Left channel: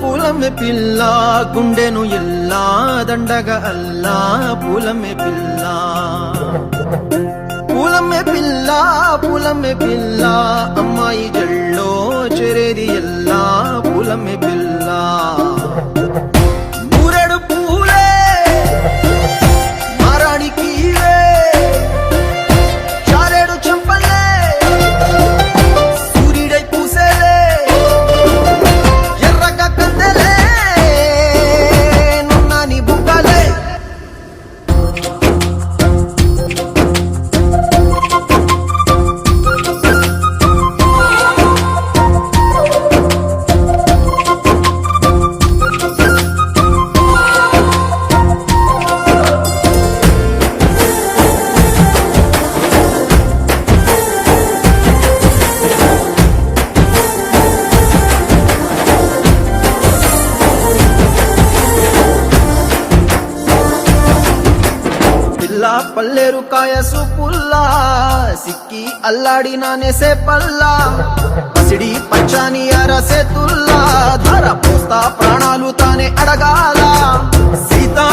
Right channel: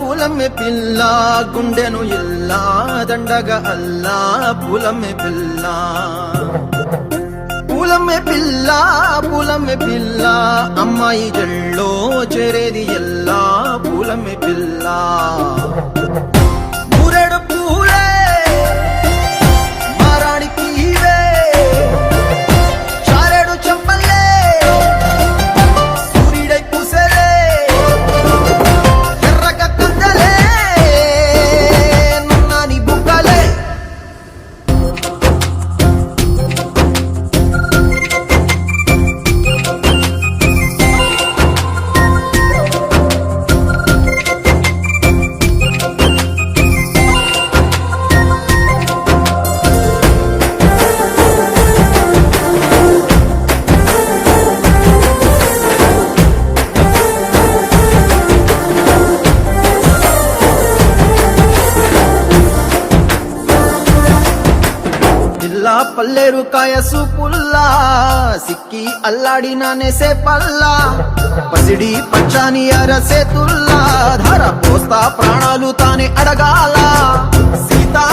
పూలమే పిల్ల గుండెను ఇల్లా దండగ అల్లా పూలమే పిల్ల పూలమే పిల్ల అమ్మాయి జల్లో చేరేది ఎల్లా పూలమే పిల్ల ఊరెడు పూలే మారాడికి చారెడు చెప్పలే సూర్యుడై పూసే ఎర్రగ కందలే నున్నాని బుక్కలే పల్లేరు కాయ సూపుల్లా సిక్కి అల్లాడి నానేసే పల్లా పసిడి పచ్చాని అరసే తుల్లా ధర పోస్తా ప్రాణాలు తానే అడగాల సీతా